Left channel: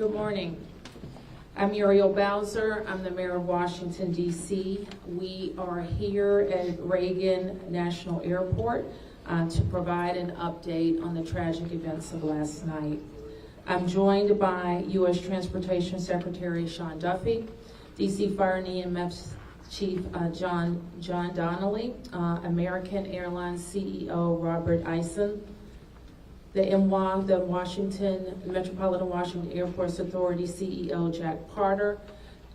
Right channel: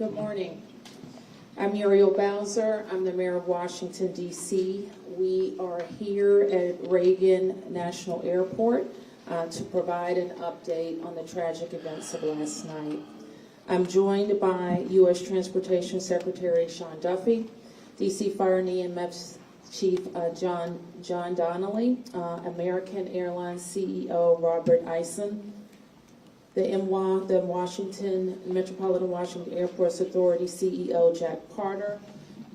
Good morning. I'm Muriel Bowser. I'm the mayor of Washington, D.C. We are here at Reagan National Airport to provide an update on the tragic events of last night. I'm joined by U.S. Transportation Secretary Sean Duffy, D.C. Fire and EMS Chief John Donnelly, American Airlines CEO Robert Eisen, the Metropolitan Washington Airports Authority CEO Jack Carter,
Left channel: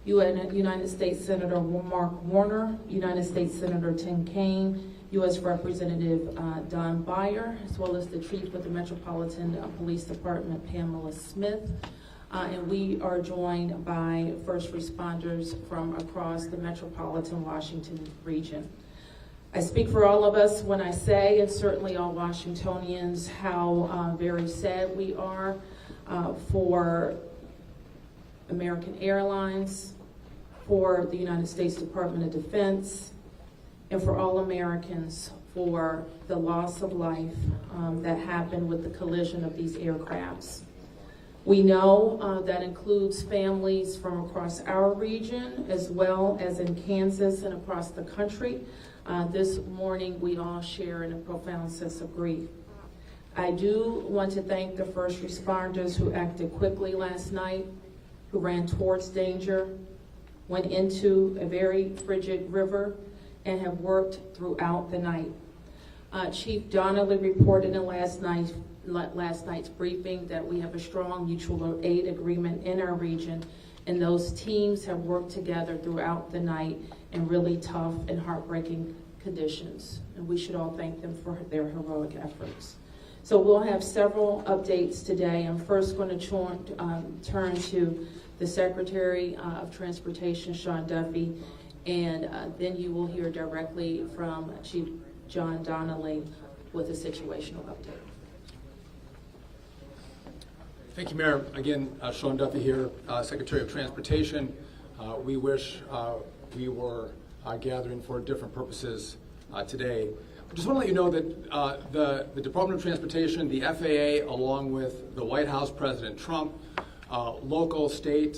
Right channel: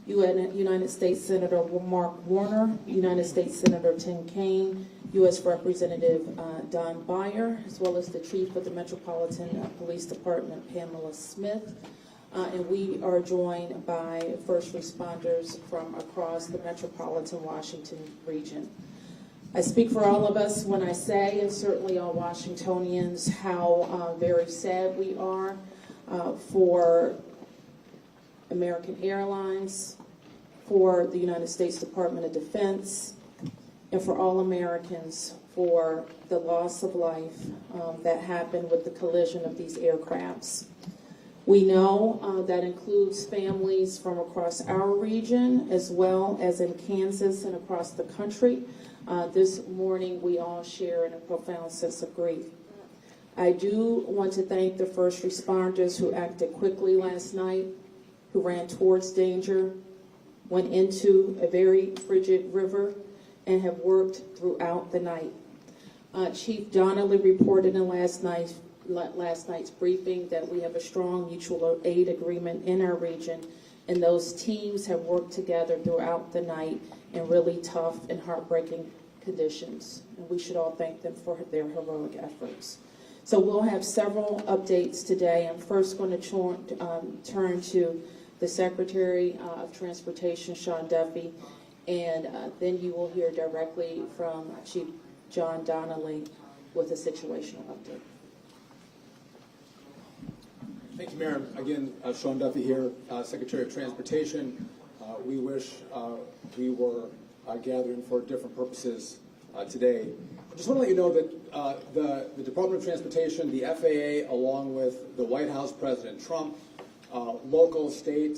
United States Senator Mark Warner, United States Senator Tim Kaine, U.S. Representative Don Beyer, as well as the Chief of the Metropolitan Police Department, Pamela Smith. And we are joined by first responders from across the Metropolitan Washington region. I speak for all of us when I say, and certainly all Washingtonians, how very sad we are for American Airlines, for the United States Department of Defense, and for all Americans for the loss of life that happened with the collision of these aircrafts. We know that includes families from across our region, as well as in Kansas and across the country. This morning, we all share in a profound sense of grief. I do want to thank the first responders who acted quickly last night, who ran towards danger, went into a very frigid river, and have worked throughout the night. Chief Donnelly reported in last night's briefing that we have a strong mutual aid agreement in our region, and those teams have worked together throughout the night in really tough and heartbreaking conditions. And we should all thank them for their heroic efforts. So we'll have several updates today. I'm first going to turn to the Secretary of Transportation, Sean Duffy, and then you will hear directly from Chief John Donnelly with a situational update. Thank you, Mayor. Again, Sean Duffy here, Secretary of Transportation. We wish we were gathering for different purposes today. I just want to let you know that the Department of Transportation, the FAA, along with the White House, President Trump, local, state,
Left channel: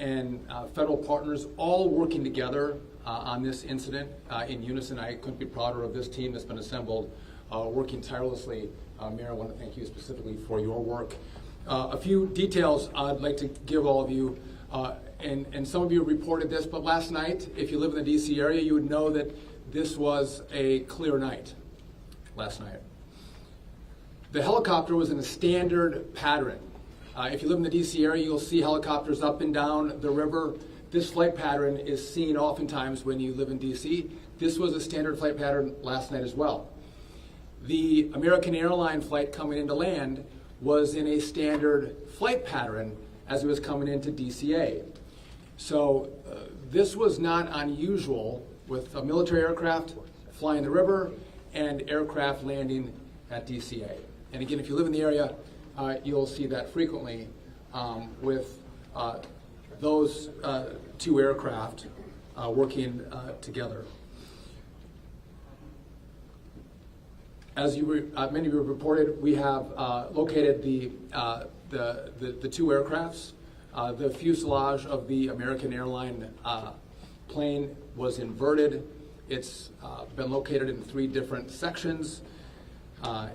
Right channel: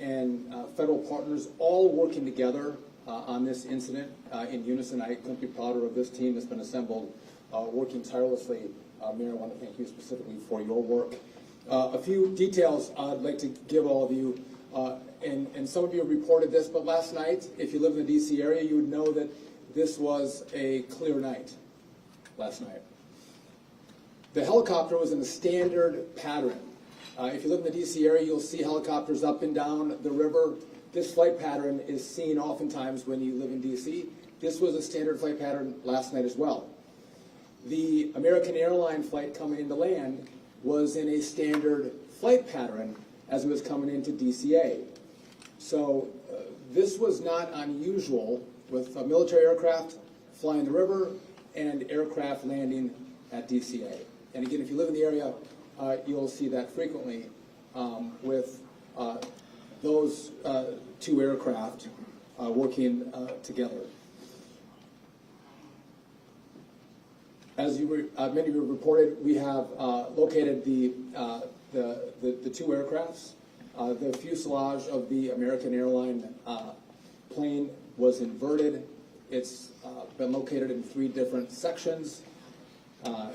and federal partners, all working together on this incident in unison. I couldn't be prouder of this team that's been assembled, working tirelessly. Mayor, I want to thank you specifically for your work. A few details I'd like to give all of you, and some of you reported this, but last night, if you live in the DC area, you would know that this was a clear night last night. The helicopter was in a standard pattern. If you live in the DC area, you'll see helicopters up and down the river. This flight pattern is seen oftentimes when you live in DC. This was a standard flight pattern last night as well. The American Airlines flight coming into land was in a standard flight pattern as it was coming into DCA. So this was not unusual with a military aircraft flying the river and aircraft landing at DCA. And again, if you live in the area, you'll see that frequently with those two aircraft working together. As many of you reported, we have located the two aircrafts. The fuselage of the American Airlines plane was inverted. It's been located in 3 different sections.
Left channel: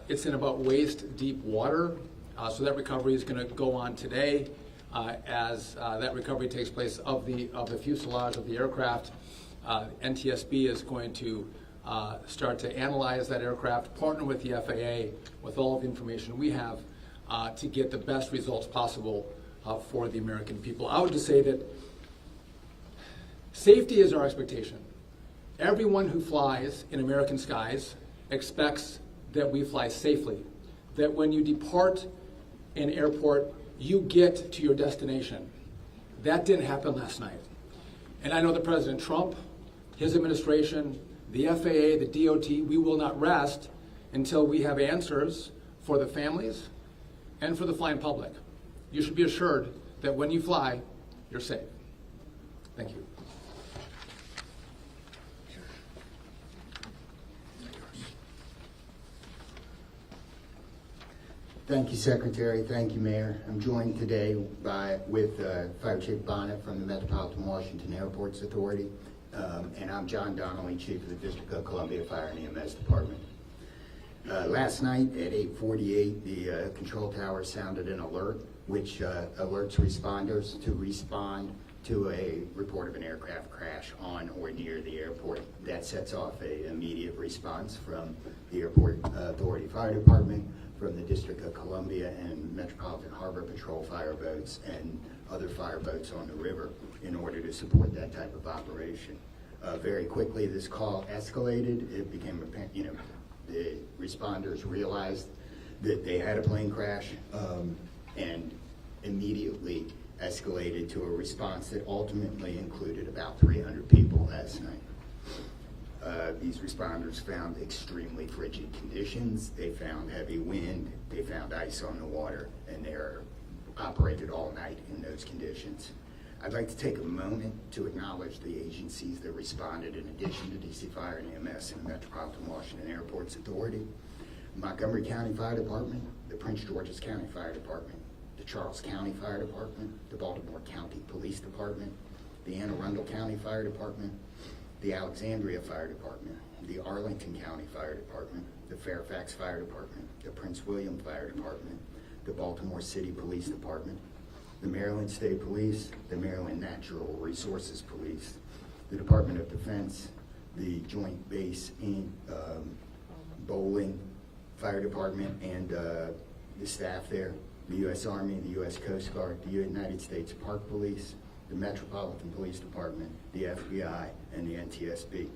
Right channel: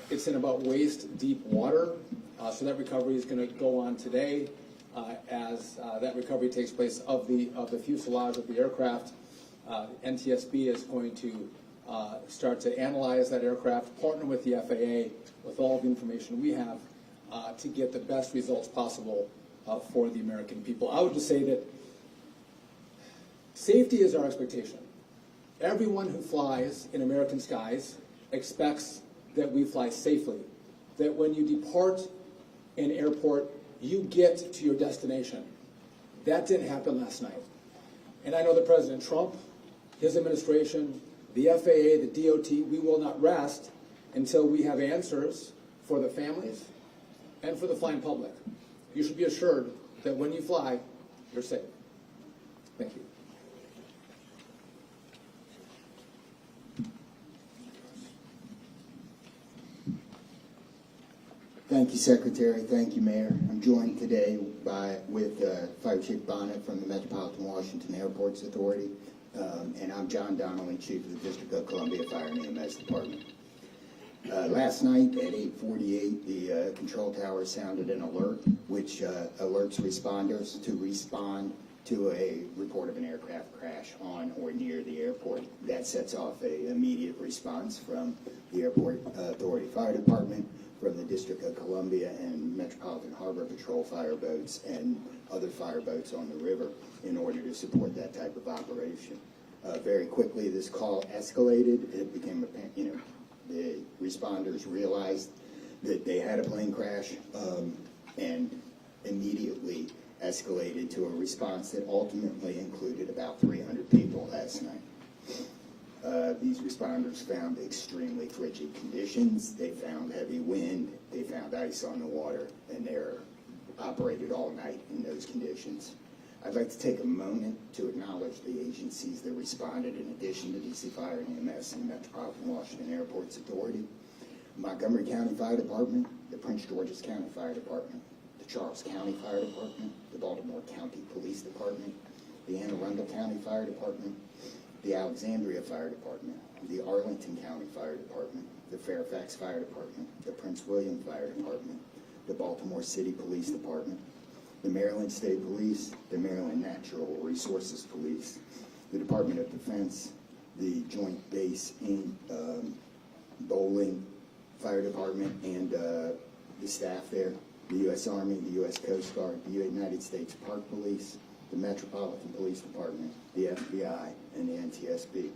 It's in about waist deep water, so that recovery is going to go on today. As that recovery takes place of the fuselage of the aircraft, NTSB is going to start to analyze that aircraft, partner with the FAA with all of the information we have to get the best results possible for the American people. I would just say that safety is our expectation. Everyone who flies in American skies expects that we fly safely, that when you depart an airport, you get to your destination. That didn't happen last night. And I know that President Trump, his administration, the FAA, the DOT, we will not rest until we have answers for the families and for the flying public. You should be assured that when you fly, you're safe. Thank you. Thank you, Secretary. Thank you, Mayor. I'm joined today with Fire Chief Bonnet from the Metropolitan Washington Airports Authority, and I'm John Donnelly, Chief of the District of Columbia Fire and EMS Department. Last night at 8:48, the control tower sounded an alert, which alerts responders to respond to a report of an aircraft crash on or near the airport. That sets off an immediate response from the Airport Authority Fire Department, from the District of Columbia and Metropolitan Harbor Patrol fire boats and other fire boats on the river in order to support that type of operation. Very quickly, this call escalated. It became apparent, the responders realized that they had a plane crash and immediately escalated to a response that ultimately included about 300 people last night. These responders found extremely frigid conditions. They found heavy wind. They found ice on the water, and they're operated all night in those conditions. I'd like to take a moment to acknowledge the agencies that responded in addition to DC Fire and EMS and the Metropolitan Washington Airports Authority: Montgomery County Fire Department, the Prince George's County Fire Department, the Charles County Fire Department, the Baltimore County Police Department, the Anne Arundel County Fire Department, the Alexandria Fire Department, the Arlington County Fire Department, the Fairfax Fire Department, the Prince William Fire Department, the Baltimore City Police Department, the Maryland State Police, the Maryland Natural Resources Police, the Department of Defense, the Joint Base in Bowling Fire Department and the staff there, the U.S. Army, the U.S. Coast Guard, the United States Park Police, the Metropolitan Police Department, the FBI, and the NTSB.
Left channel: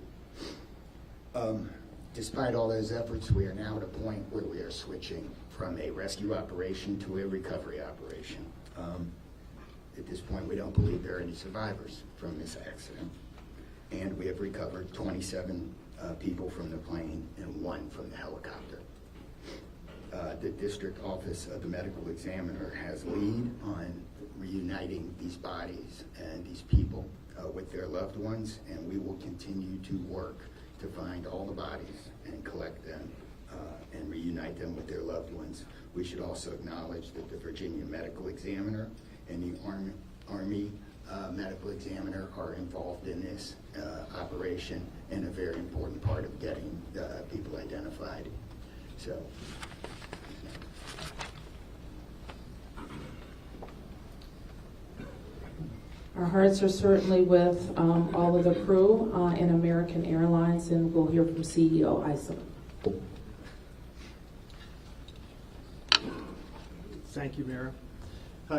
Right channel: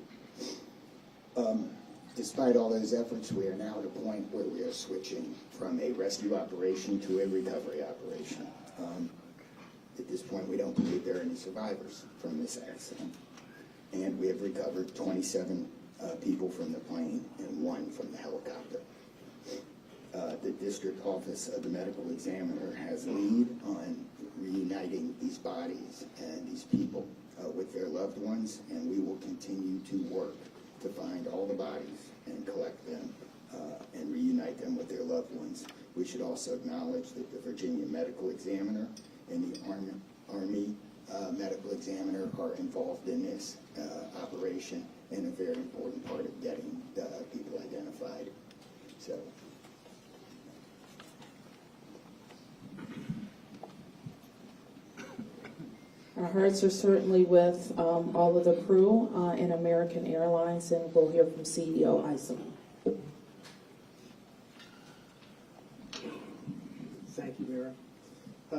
Despite all those efforts, we are now at a point where we are switching from a rescue operation to a recovery operation. At this point, we don't believe there are any survivors from this accident. And we have recovered 27 people from the plane and 1 from the helicopter. The District Office of the Medical Examiner has lead on reuniting these bodies and these people with their loved ones, and we will continue to work to find all the bodies and collect them and reunite them with their loved ones. We should also acknowledge that the Virginia Medical Examiner and the Army Medical Examiner are involved in this operation and a very important part of getting people identified. So. Our hearts are certainly with all of the crew in American Airlines, and we'll hear from CEO Isom. Thank you, Mayor.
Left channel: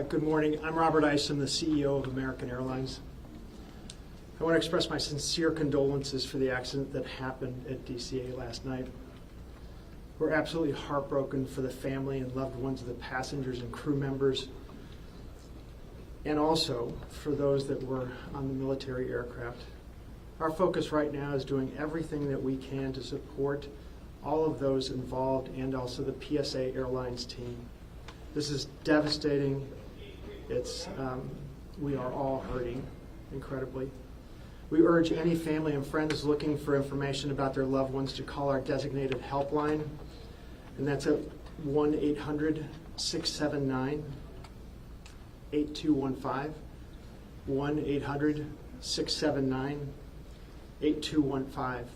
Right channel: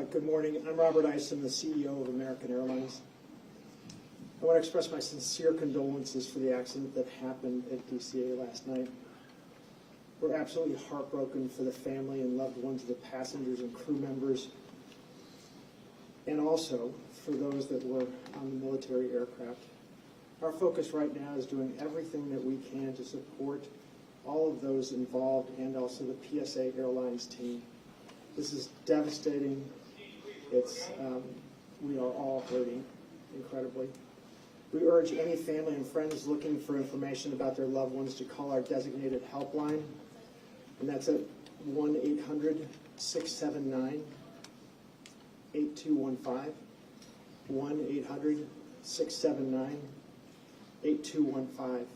Good morning. I'm Robert Isom, the CEO of American Airlines. I want to express my sincere condolences for the accident that happened at DCA last night. We're absolutely heartbroken for the family and loved ones of the passengers and crew members, and also for those that were on the military aircraft. Our focus right now is doing everything that we can to support all of those involved and also the PSA Airlines team. This is devastating. We are all hurting incredibly. We urge any family and friends looking for information about their loved ones to call our designated helpline, and that's at 1-800-679-8215, 1-800-679-8215.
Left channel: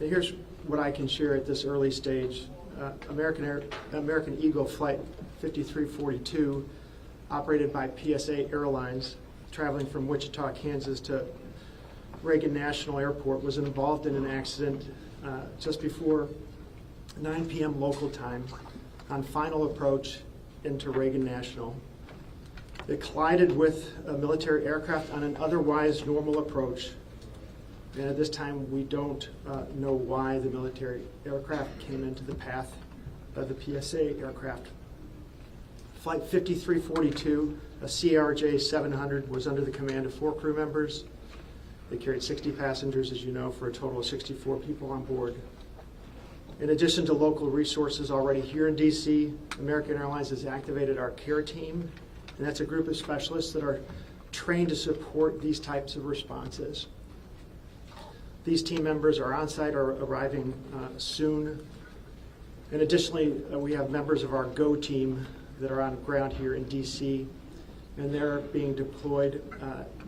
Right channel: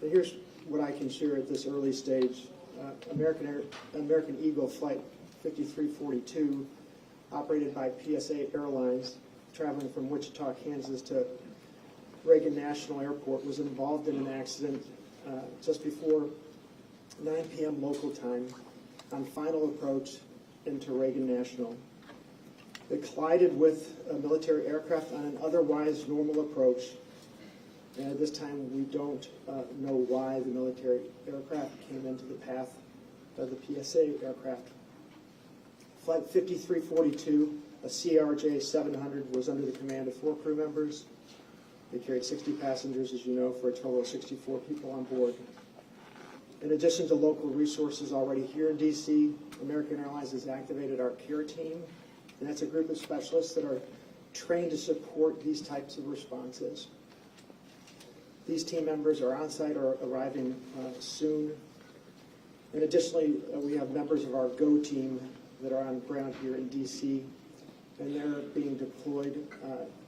And here's what I can share at this early stage. American Eagle Flight 5342, operated by PSA Airlines, traveling from Wichita, Kansas to Reagan National Airport, was involved in an accident just before 9 p.m. local time on final approach into Reagan National. It collided with a military aircraft on an otherwise normal approach, and at this time we don't know why the military aircraft came into the path of the PSA aircraft. Flight 5342, a CRJ 700, was under the command of 4 crew members. They carried 60 passengers, as you know, for a total of 64 people on board. In addition to local resources already here in DC, American Airlines has activated our care team, and that's a group of specialists that are trained to support these types of responses. These team members are on site or arriving soon. And additionally, we have members of our GO team that are on ground here in DC, and they're being deployed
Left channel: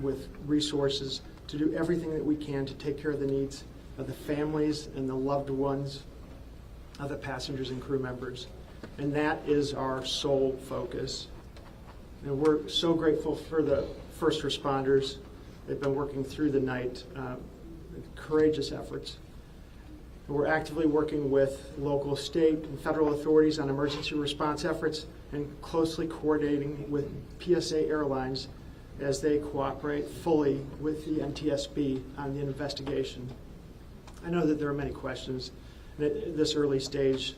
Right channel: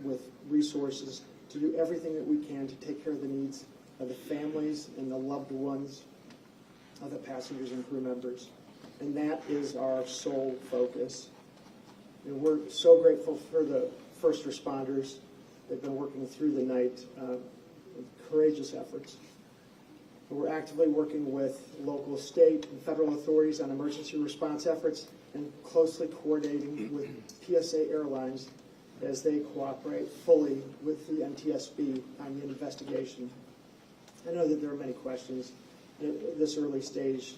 with resources to do everything that we can to take care of the needs of the families and the loved ones of the passengers and crew members. And that is our sole focus. And we're so grateful for the first responders. They've been working through the night, courageous efforts. We're actively working with local, state, and federal authorities on emergency response efforts and closely coordinating with PSA Airlines as they cooperate fully with the NTSB on the investigation. I know that there are many questions. At this early stage,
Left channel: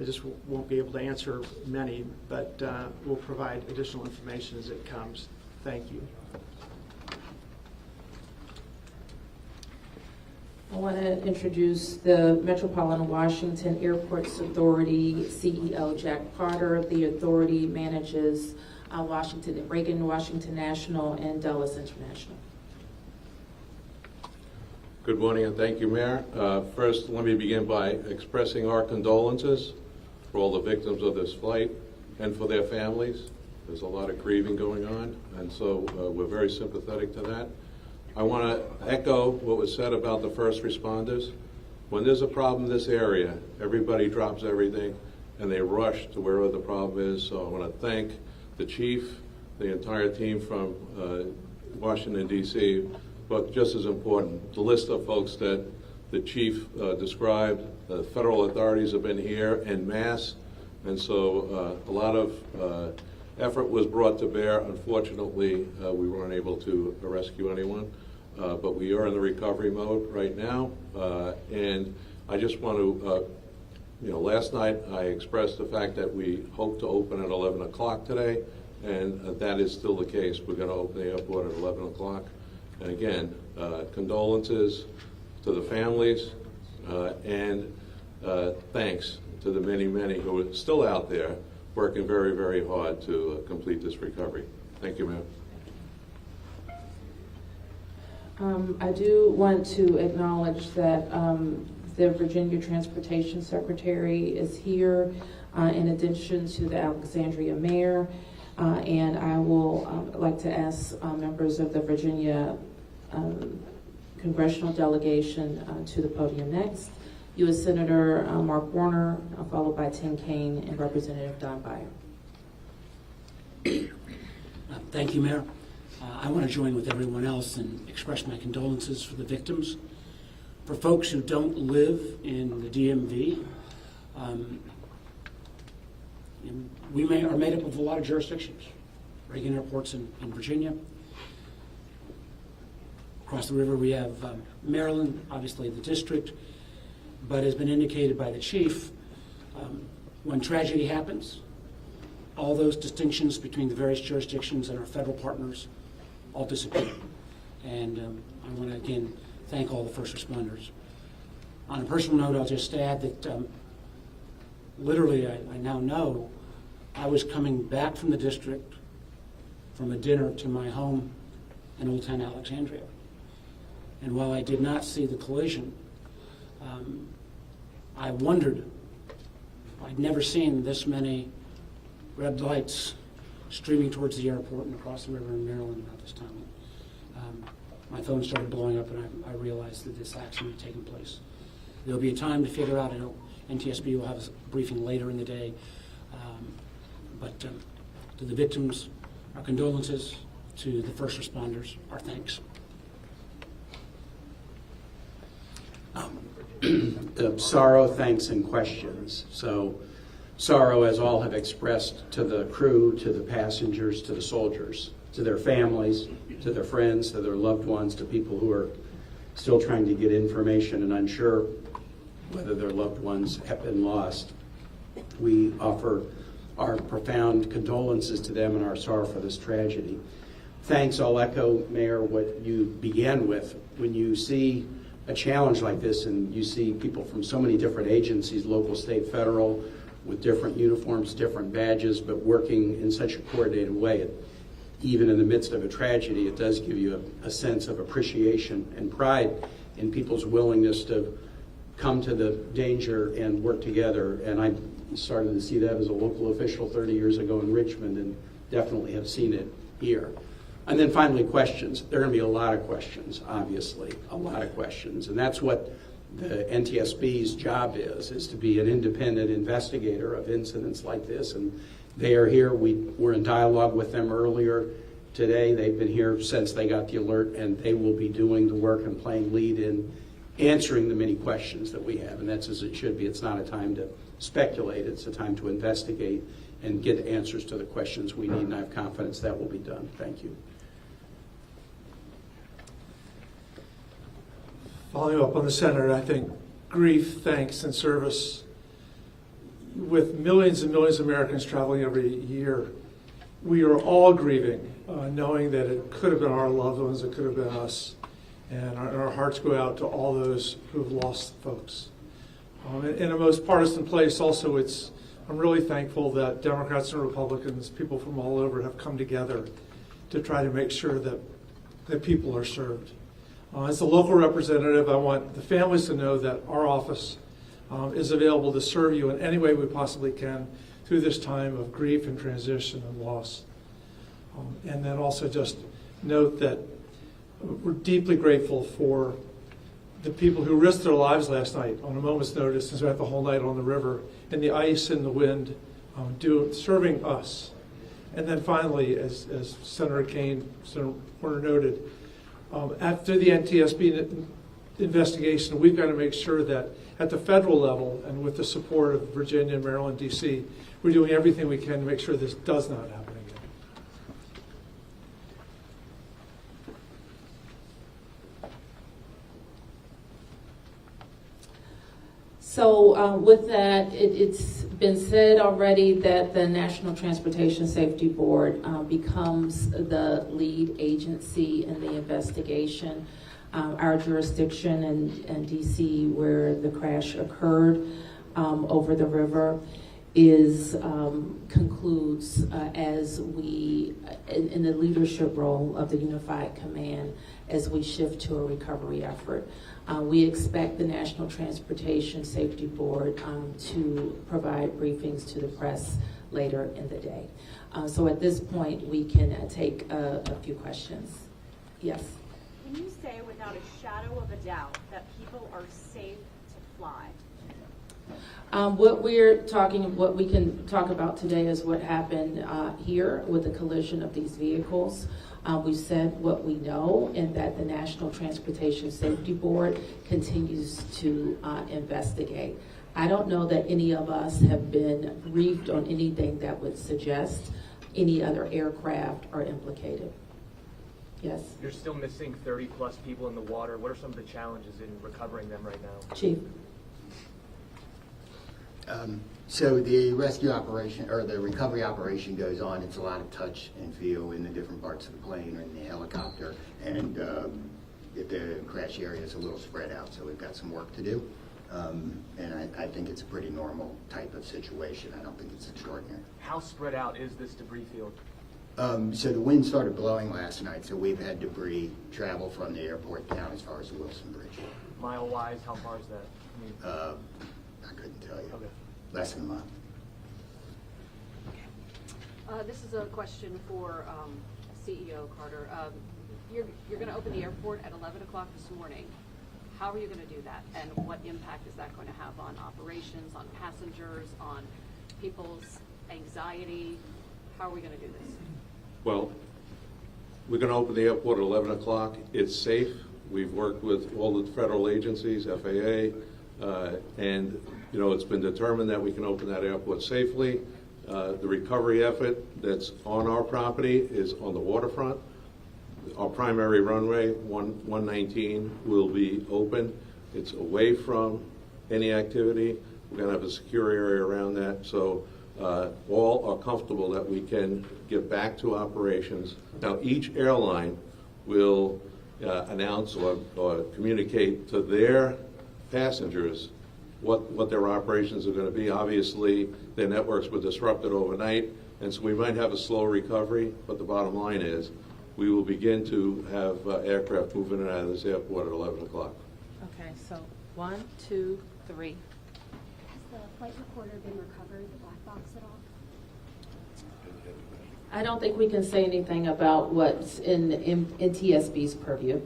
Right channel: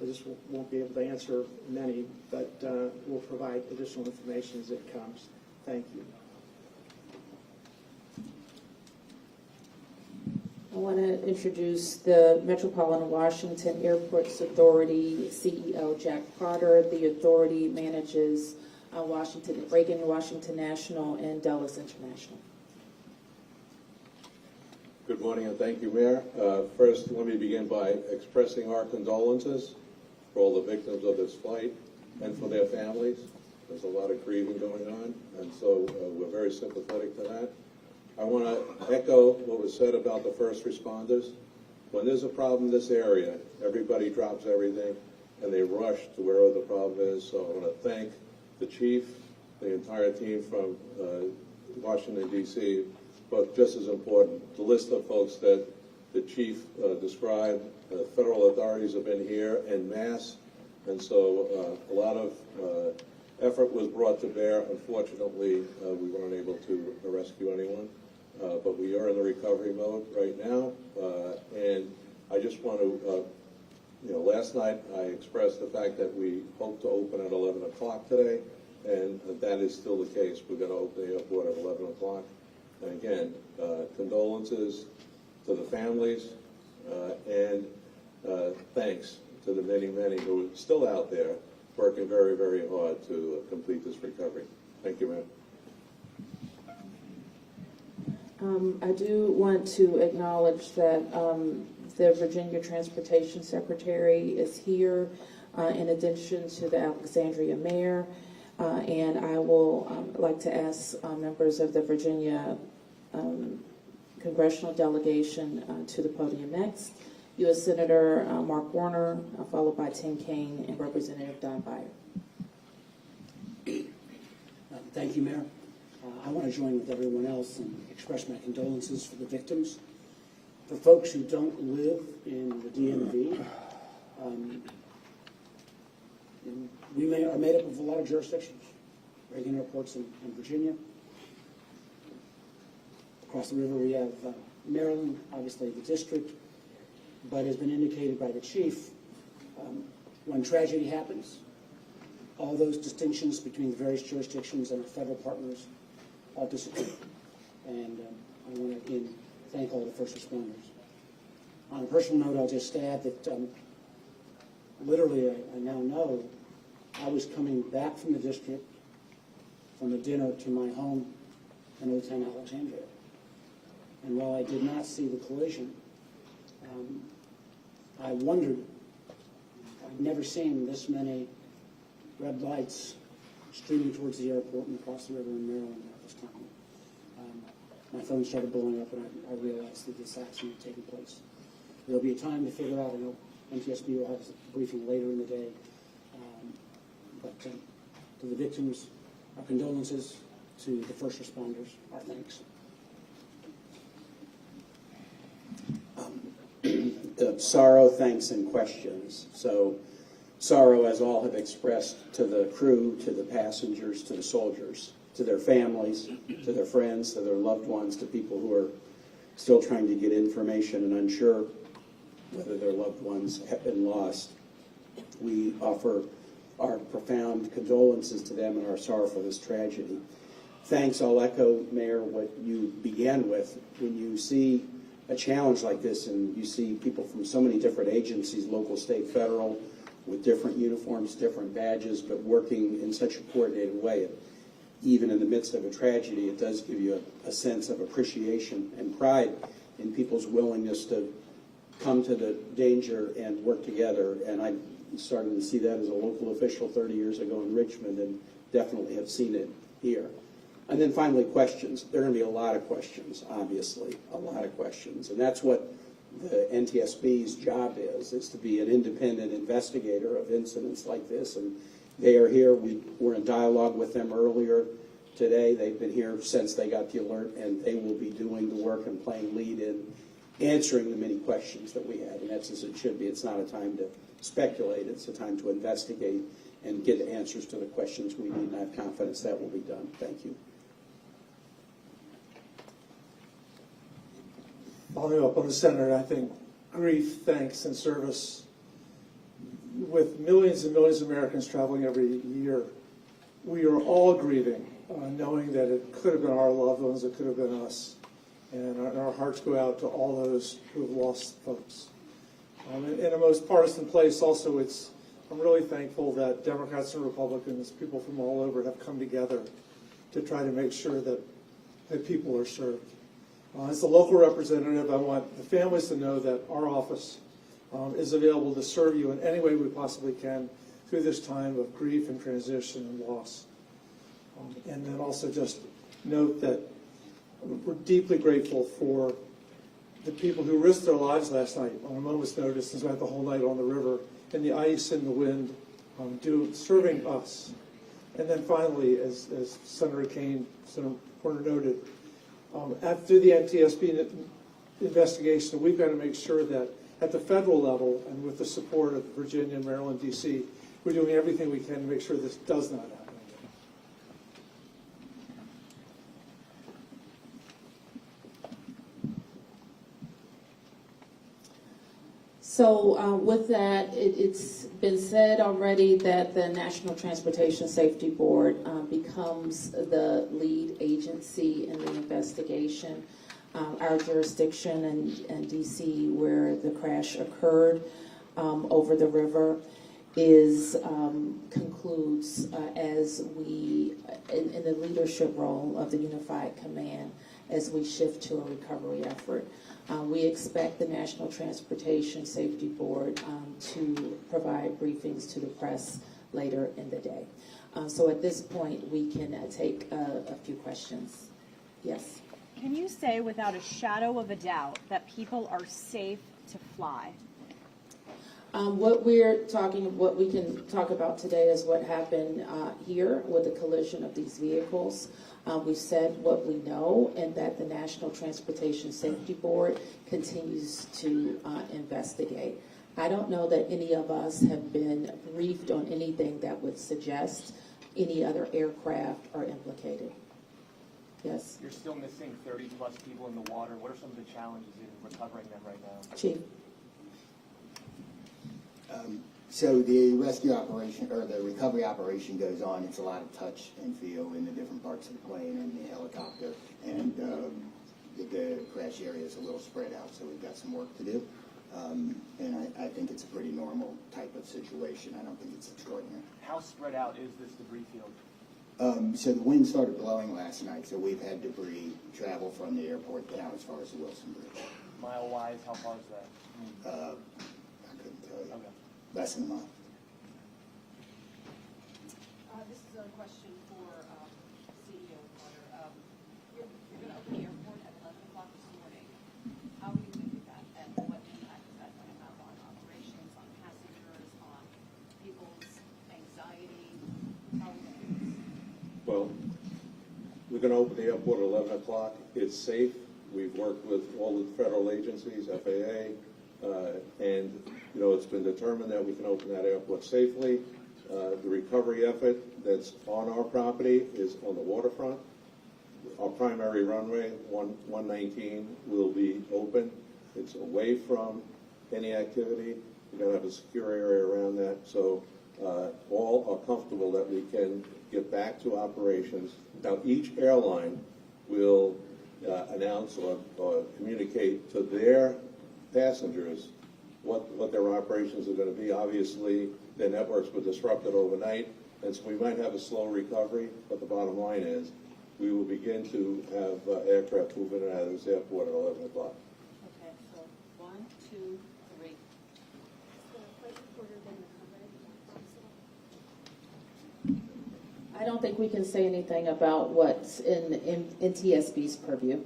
I just won't be able to answer many, but we'll provide additional information as it comes. Thank you. I want to introduce the Metropolitan Washington Airports Authority CEO, Jack Carter. The authority manages Reagan National Airport and Dulles International. Good morning and thank you, Mayor. First, let me begin by expressing our condolences for all the victims of this flight and for their families. There's a lot of grieving going on, and so we're very sympathetic to that. I want to echo what was said about the first responders. When there's a problem in this area, everybody drops everything and they rush to wherever the problem is. So I want to thank the chief, the entire team from Washington, D.C., but just as important, the list of folks that the chief described. The federal authorities have been here en masse, and so a lot of effort was brought to bear. Unfortunately, we weren't able to rescue anyone, but we are in the recovery mode right now. And I just want to, last night I expressed the fact that we hope to open at 11 o'clock today, and that is still the case. We're going to open the airport at 11 o'clock. And again, condolences to the families, and thanks to the many, many who are still out there working very, very hard to complete this recovery. Thank you, Mayor. I do want to acknowledge that the Virginia Transportation Secretary is here, in addition to the Alexandria Mayor, and I will like to ask members of the Virginia congressional delegation to the podium next. U.S. Senator Mark Warner, followed by Tim Kaine and Representative Don Beyer. Thank you, Mayor. I want to join with everyone else and express my condolences for the victims. For folks who don't live in the DMV, we are made up of a lot of jurisdictions. Reagan Airport's in Virginia. Across the river we have Maryland, obviously the district, but as been indicated by the chief, when tragedy happens, all those distinctions between the various jurisdictions and our federal partners all disappear. And I want to again thank all the first responders. On a personal note, I'll just add that literally I now know I was coming back from the district from a dinner to my home in Old Town Alexandria. And while I did not see the collision, I wondered, I'd never seen this many red lights streaming towards the airport and across the river in Maryland at this time. My phone started blowing up and I realized that this accident had taken place. There'll be a time to figure out, I know NTSB will have a briefing later in the day, but to the victims, our condolences. To the first responders, our thanks. The sorrow, thanks, and questions. So sorrow, as all have expressed, to the crew, to the passengers, to the soldiers, to their families, to their friends, to their loved ones, to people who are still trying to get information and unsure whether their loved ones have been lost. We offer our profound condolences to them and our sorrow for this tragedy. Thanks, I'll echo, Mayor, what you began with. When you see a challenge like this and you see people from so many different agencies, local, state, federal, with different uniforms, different badges, but working in such a coordinated way, even in the midst of a tragedy, it does give you a sense of appreciation and pride in people's willingness to come to the danger and work together. And I started to see that as a local official 30 years ago in Richmond, and definitely have seen it here. And then finally, questions. There are going to be a lot of questions, obviously, a lot of questions. And that's what the NTSB's job is to be an independent investigator of incidents like this. And they are here. We were in dialogue with them earlier today. They've been here since they got the alert, and they will be doing the work and playing lead in answering the many questions that we have. And that's as it should be. It's not a time to speculate. It's a time to investigate and get answers to the questions we need. And I have confidence that will be done. Thank you. Following up on the Senator, I think grief, thanks, and service, with millions and millions of Americans traveling every year, we are all grieving, knowing that it could have been our loved ones, it could have been us. And our hearts go out to all those who've lost folks. In a most partisan place also, I'm really thankful that Democrats and Republicans, people from all over, have come together to try to make sure that people are served. As a local representative, I want the families to know that our office is available to serve you in any way we possibly can through this time of grief and transition and loss. And then also just note that we're deeply grateful for the people who risked their lives last night on a moment's notice and spent the whole night on the river in the ice and the wind, serving us. And then finally, as Senator Kane, Senator Porter noted, after the NTSB investigation, we've got to make sure that at the federal level and with the support of Virginia, Maryland, D.C., we're doing everything we can to make sure this does not happen again. So with that, it's been said already that the National Transportation Safety Board becomes the lead agency in the investigation. Our jurisdiction in D.C., where the crash occurred over the river, concludes as we, in the leadership role of the Unified Command, as we shift to a recovery effort. We expect the National Transportation Safety Board to provide briefings to the press later in the day. So at this point, we can take a few questions. Yes? Can you say without a shadow of a doubt that people are safe to fly? What we can talk about today is what happened here with the collision of these vehicles. We've said what we know, and that the National Transportation Safety Board continues to investigate. I don't know that any of us have been briefed on anything that would suggest any other aircraft are implicated. Yes? You're still missing 30 plus people in the water. What are some of the challenges in recovering them right now? Chief? So the rescue operation, or the recovery operation, goes on. It's a lot of touch and feel in the different parts of the plane and the helicopter, and the crash area is a little spread out, so we've got some work to do. And I think it's a pretty normal type of situation. I don't think it's extraordinary. How spread out is this debris field? So the wind started blowing last night, so we've had debris travel from the airport down as far as the Wilson Bridge. Mile-wise, how far is that? I couldn't tell you. Okay. Less than a mile. This is a question for CEO Carter. You're going to open the airport at 11 o'clock this morning. How are you going to do that? And what impact is that going to have on operations, on passengers, on people's anxiety? How are we going to do this? Well, we're going to open the airport at 11 o'clock. It's safe. We've worked with all the federal agencies, FAA, and it's been determined that we can open that airport safely. The recovery effort that's on our property is on the waterfront. Our primary runway, 119, will be open. It's away from any activity. We're going to have a secure area around that, so all are comfortable that we can get back to operations. Now, each airline will announce or communicate to their passengers what their operations are going to be. Obviously, their networks were disrupted overnight, and so we might have a slow recovery, but the bottom line is we will begin to have aircraft move in and out of this airport at 11 o'clock. Okay, so 1, 2, 3. Has the flight recorder been recovered, the black box at all? I don't think we can say anything about what's in TSB's purview.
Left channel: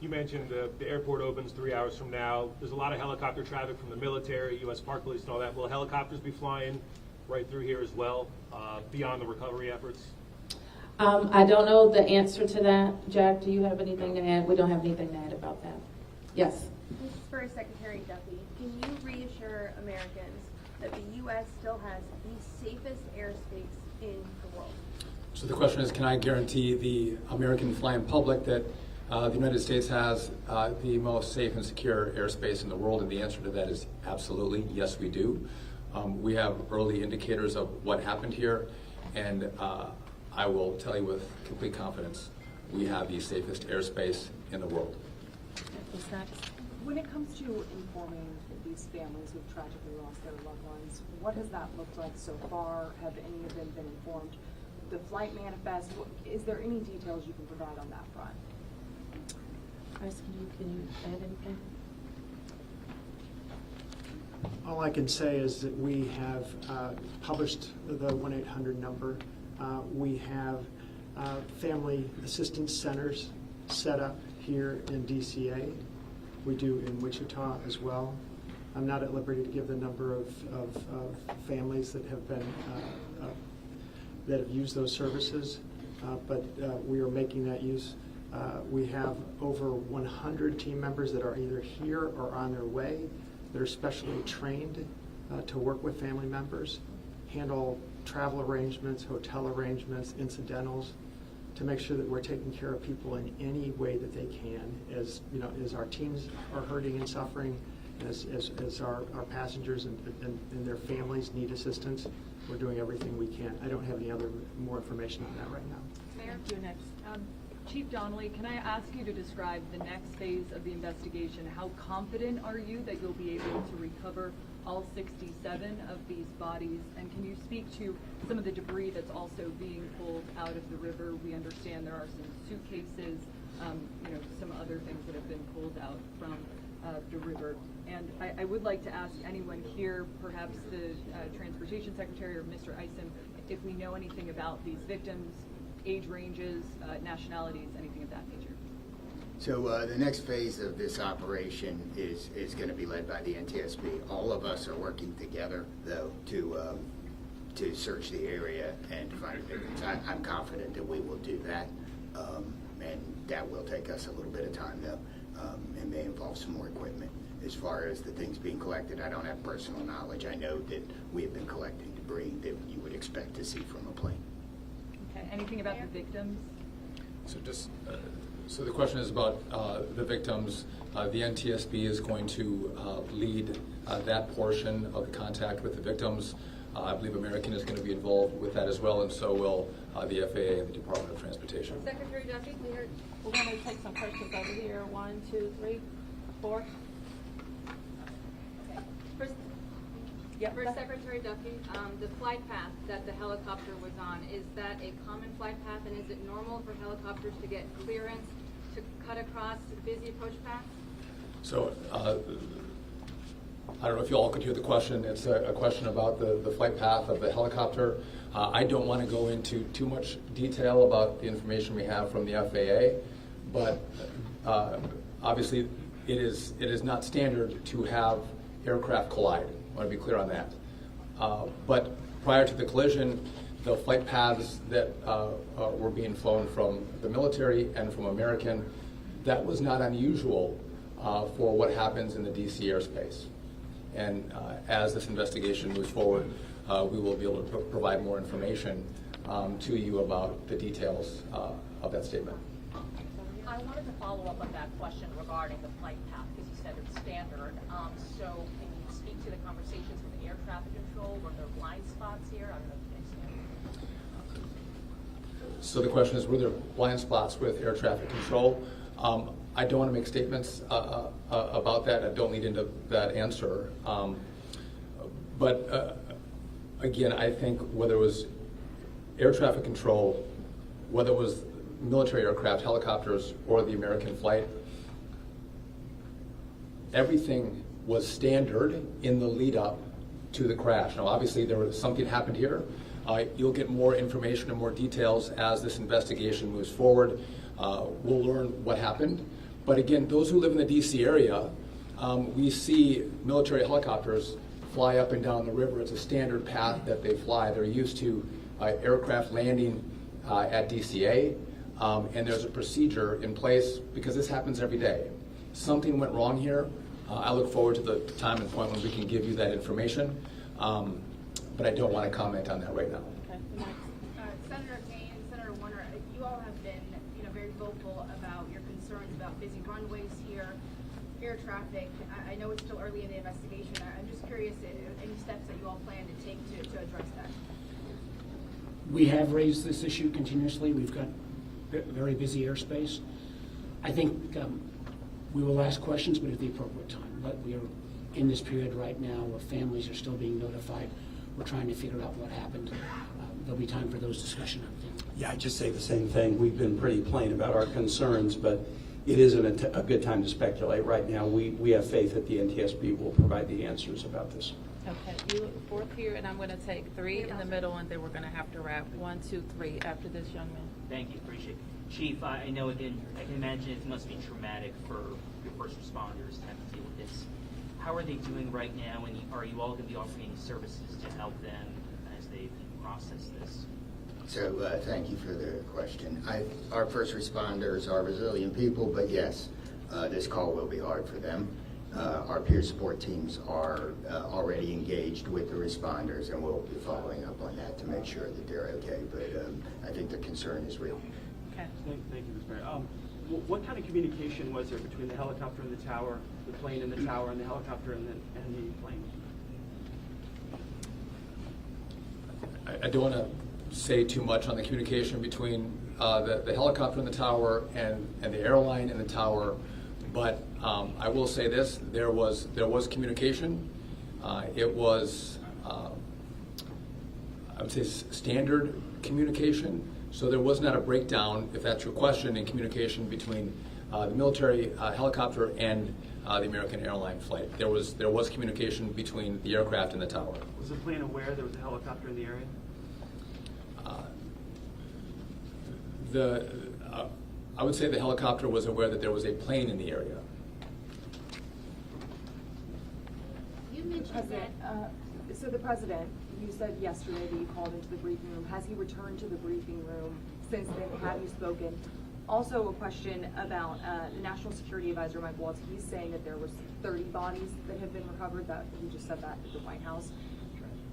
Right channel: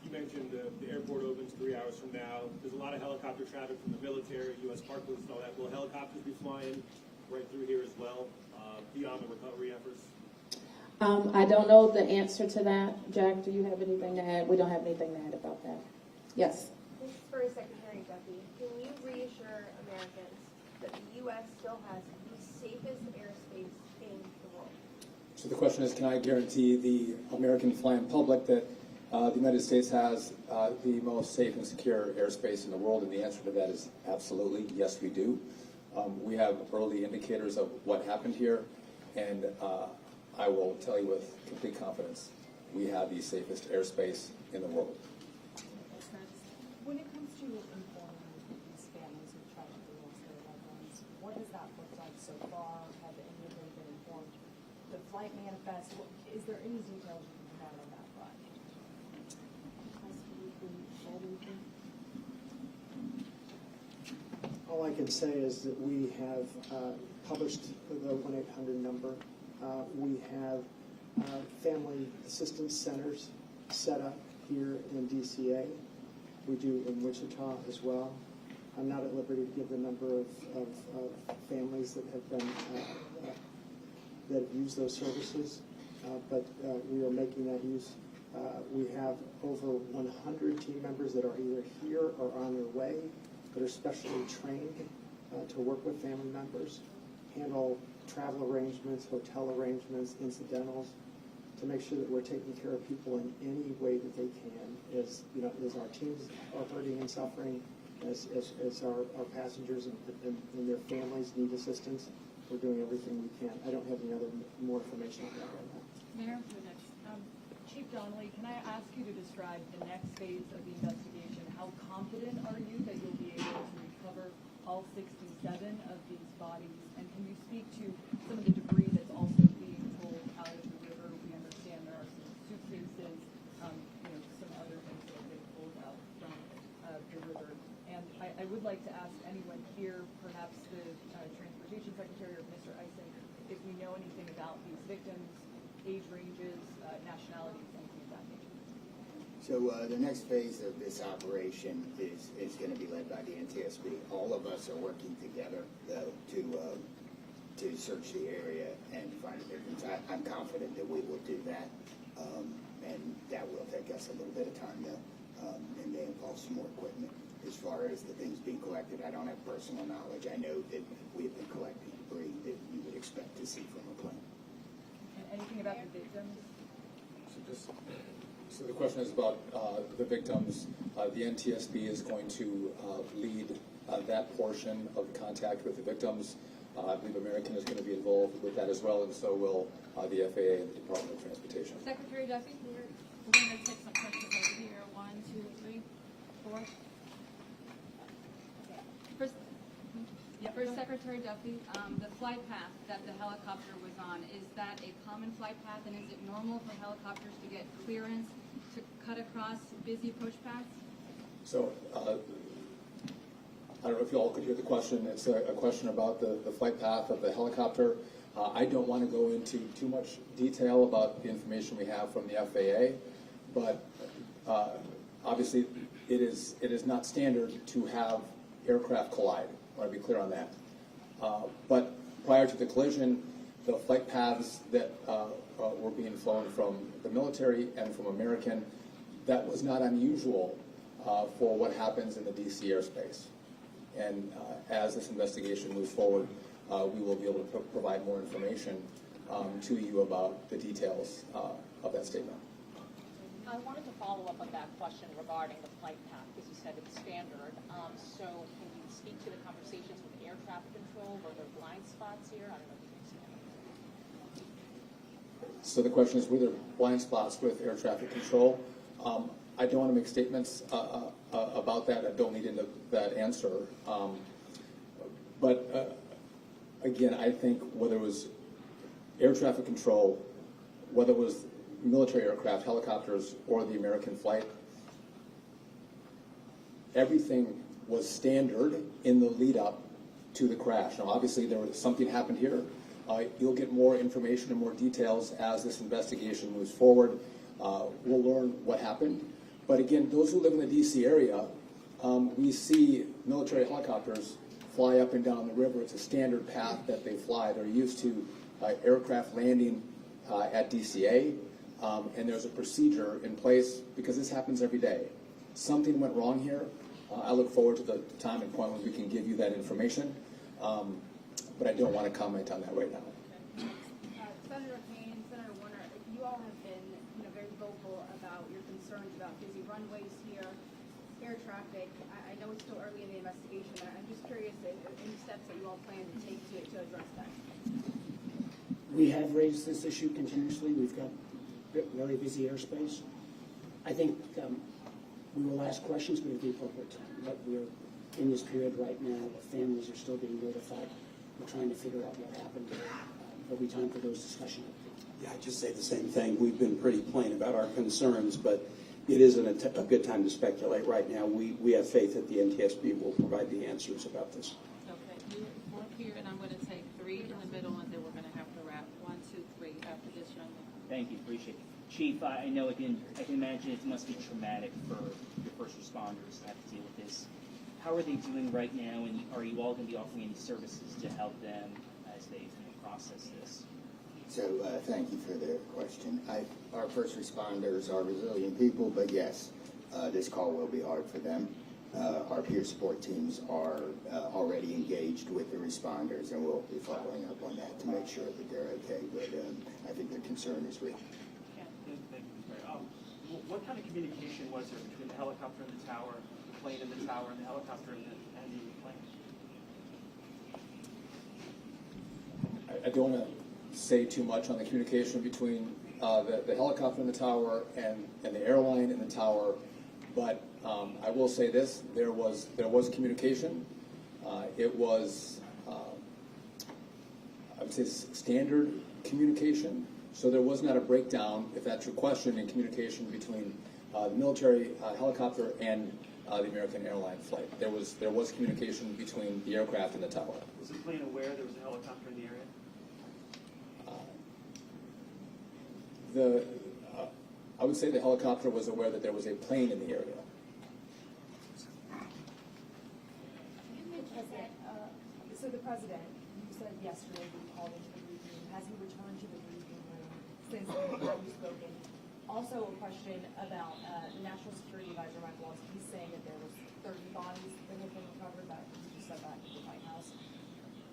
You mentioned the airport opens 3 hours from now. There's a lot of helicopter traffic from the military, U.S. Park Police and all that. Will helicopters be flying right through here as well, beyond the recovery efforts? I don't know the answer to that. Jack, do you have anything to add? We don't have anything to add about that. Yes. This is for Secretary Duffy. Can you reassure Americans that the U.S. still has the safest airspace in the world? So the question is, can I guarantee the American flying public that the United States has the most safe and secure airspace in the world? And the answer to that is absolutely, yes, we do. We have early indicators of what happened here, and I will tell you with complete confidence, we have the safest airspace in the world. When it comes to informing these families who've tragically lost their loved ones, what has that looked like so far? Have any of them been informed? The flight manifest, is there any details you can provide on that front? Can you add anything? All I can say is that we have published the 1-800 number. We have family assistance centers set up here in DCA. We do in Wichita as well. I'm not at liberty to give the number of families that have been that have used those services, but we are making that use. We have over 100 team members that are either here or on their way. They're specially trained to work with family members, handle travel arrangements, hotel arrangements, incidentals, to make sure that we're taking care of people in any way that they can, as you know, as our teams are hurting and suffering, as our passengers and their families need assistance. We're doing everything we can. I don't have any more information on that right now. Mayor, you're next. Chief Donnelly, can I ask you to describe the next phase of the investigation? How confident are you that you'll be able to recover all 67 of these bodies? And can you speak to some of the debris that's also being pulled out of the river? We understand there are some suitcases, some other things that have been pulled out from the river. And I would like to ask anyone here, perhaps the Transportation Secretary or Mr. Eisen, if we know anything about these victims, age ranges, nationalities, anything of that nature. So the next phase of this operation is going to be led by the NTSB. All of us are working together, though, to search the area and to find the victims. I'm confident that we will do that, and that will take us a little bit of time, though, and may involve some more equipment. As far as the things being collected, I don't have personal knowledge. I know that we have been collecting debris that you would expect to see from a plane. Okay. Anything about the victims? So the question is about the victims. The NTSB is going to lead that portion of the contact with the victims. I believe American is going to be involved with that as well, and so will the FAA and the Department of Transportation. Secretary Duffy, we're going to take some questions over here. 1, 2, 3, 4. Okay. For Secretary Duffy, the flight path that the helicopter was on, is that a common flight path, and is it normal for helicopters to get clearance to cut across busy push paths? So I don't know if you all could hear the question. It's a question about the flight path of the helicopter. I don't want to go into too much detail about the information we have from the FAA, but obviously it is not standard to have aircraft collide. I want to be clear on that. But prior to the collision, the flight paths that were being flown from the military and from American, that was not unusual for what happens in the DC airspace. And as this investigation moves forward, we will be able to provide more information to you about the details of that statement. I wanted to follow up on that question regarding the flight path, because you said it's standard. So can you speak to the conversations with air traffic control? Were there blind spots here? I don't know if you understand. So the question is, were there blind spots with air traffic control? I don't want to make statements about that. I don't lead into that answer. But again, I think whether it was air traffic control, whether it was military aircraft, helicopters, or the American flight, everything was standard in the lead up to the crash. Now, obviously, something happened here. You'll get more information and more details as this investigation moves forward. We'll learn what happened. But again, those who live in the DC area, we see military helicopters fly up and down the river. It's a standard path that they fly. They're used to aircraft landing at DCA, and there's a procedure in place because this happens every day. Something went wrong here. I look forward to the time and point when we can give you that information, but I don't want to comment on that right now. Senator Payne, Senator Warner, you all have been, very vocal about your concerns about busy runways here, air traffic. I know it's still early in the investigation. I'm just curious, any steps that you all plan to take to address that? We have raised this issue continuously. We've got very busy airspace. I think we will ask questions, but at the appropriate time. But we are in this period right now where families are still being notified. We're trying to figure out what happened. There'll be time for those discussions, I think. Yeah, I'd just say the same thing. We've been pretty plain about our concerns, but it isn't a good time to speculate right now. We have faith that the NTSB will provide the answers about this. Okay, you look forward here, and I'm going to take 3 in the middle, and then we're going to have to wrap 1, 2, 3 after this young man. Thank you, appreciate it. Chief, I know I can imagine it must be traumatic for your first responders to have to deal with this. How are they doing right now, and are you all going to be offering any services to help them as they process this? So thank you for the question. Our first responders are resilient people, but yes, this call will be hard for them. Our peer support teams are already engaged with the responders, and we'll be following up on that to make sure that they're okay. But I think the concern is real. Okay. Thank you, Mr. Mayor. What kind of communication was there between the helicopter and the tower, the plane and the tower, and the helicopter and the plane? I don't want to say too much on the communication between the helicopter and the tower and the airline and the tower, but I will say this: there was communication. It was I would say standard communication. So there was not a breakdown, if that's your question, in communication between the military helicopter and the American Airlines flight. There was communication between the aircraft and the tower. Was the plane aware there was a helicopter in the area? I would say the helicopter was aware that there was a plane in the area. You mentioned that. So the president, you said yesterday that you called into the briefing room. Has he returned to the briefing room since then? Have you spoken? Also a question about the National Security Advisor, Mike Waltz. He's saying that there was 30 bodies that have been recovered. That he just said that at the White House.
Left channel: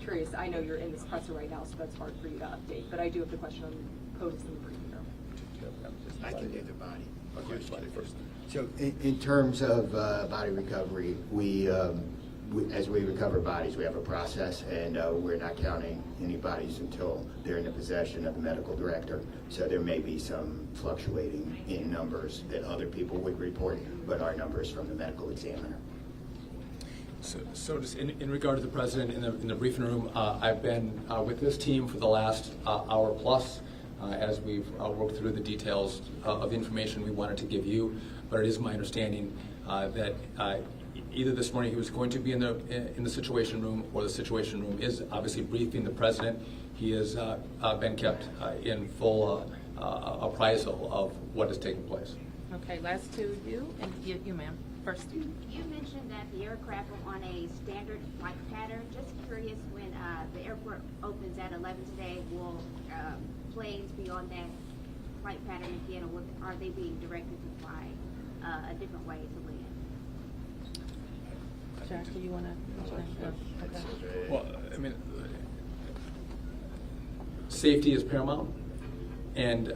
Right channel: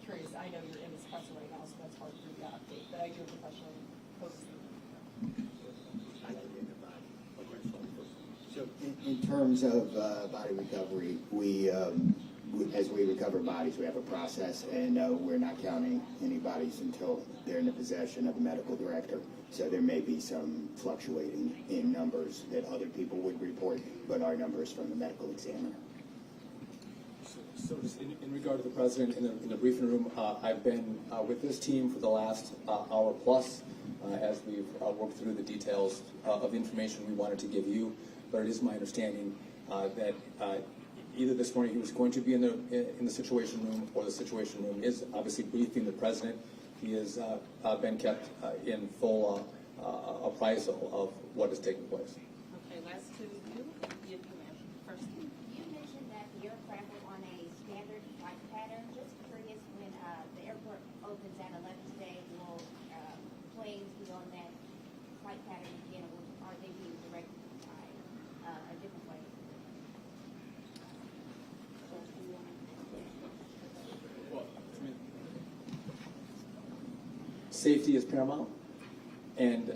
Curious, I know you're in this presser right now, so that's hard for you to update, but I do have the question posed in the briefing room. I can get the body. So in terms of body recovery, as we recover bodies, we have a process, and we're not counting any bodies until they're in the possession of the medical director. So there may be some fluctuating in numbers that other people would report, but our numbers from the medical examiner. So just in regard to the president in the briefing room, I've been with this team for the last hour plus as we've worked through the details of information we wanted to give you. But it is my understanding that either this morning he was going to be in the situation room, or the situation room is obviously briefing the president. He has been kept in full appraisal of what is taking place. Okay, last two, you, and you, ma'am, first. You mentioned that the aircraft were on a standard flight pattern. Just curious, when the airport opens at 11 today, will planes be on that flight pattern again, or are they being directed to fly a different way to land? Jack, do you want to? Okay. Well, I mean, safety is paramount, and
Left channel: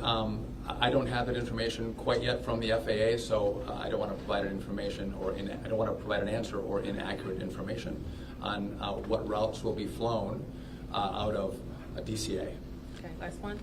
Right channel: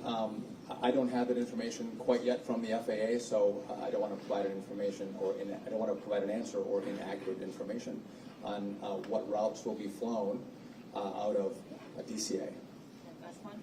I don't have that information quite yet from the FAA, so I don't want to provide information I don't want to provide an answer or inaccurate information on what routes will be flown out of DCA. Okay, last one.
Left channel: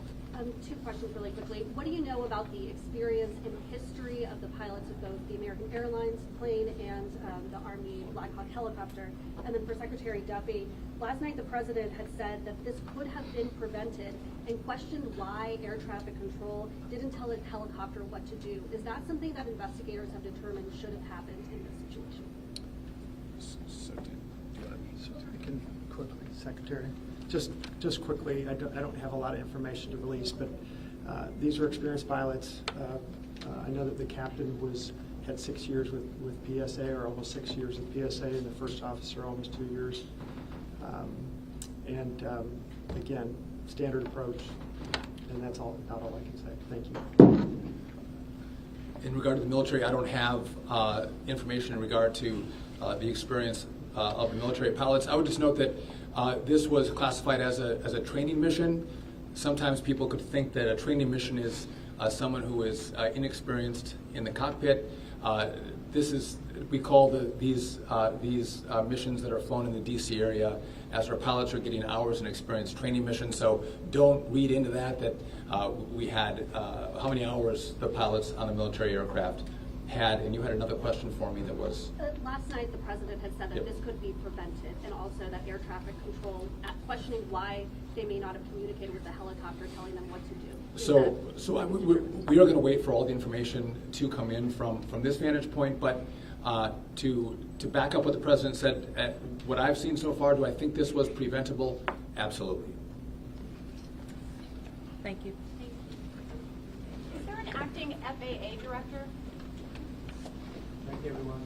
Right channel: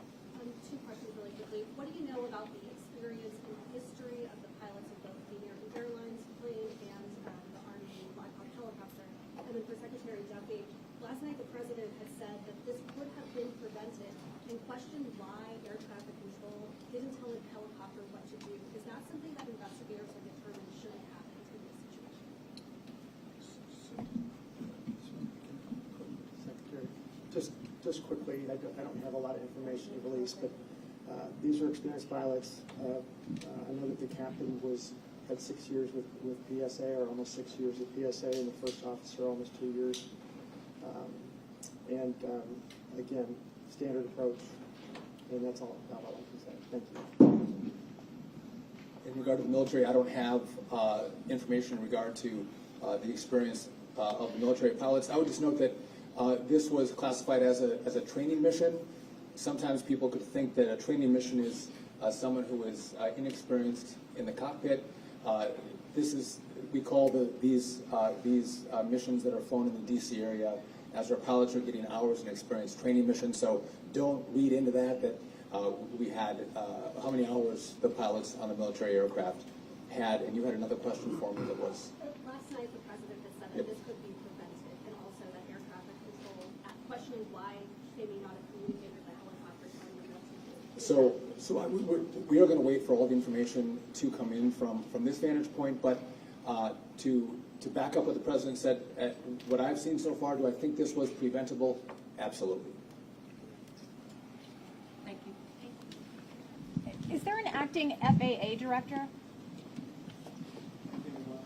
Two questions really quickly. What do you know about the experience and history of the pilots of both the American Airlines plane and the Army Black Hawk helicopter? And then for Secretary Duffy, last night the president had said that this could have been prevented and questioned why air traffic control didn't tell a helicopter what to do. Is that something that investigators have determined should have happened in this situation? Secretary, just quickly, I don't have a lot of information to release, but these are experienced pilots. I know that the captain had 6 years with PSA, or almost 6 years with PSA, and the first officer almost 2 years. Again, standard approach, and that's about all I can say. Thank you. In regard to the military, I don't have information in regard to the experience of the military pilots. I would just note that this was classified as a training mission. Sometimes people could think that a training mission is someone who is inexperienced in the cockpit. We call these missions that are flown in the DC area as our pilots are getting hours in experience training missions. So don't read into that we had how many hours the pilots on a military aircraft had. And you had another question for me that was. Last night, the president had said that this could be prevented, and also that air traffic control, questioning why they may not have communicated with the helicopter, telling them what to do. So we are going to wait for all the information to come in from this vantage point, but to back up what the president said, what I've seen so far, do I think this was preventable? Absolutely. Thank you. Is there an acting FAA director? Thank you, everyone.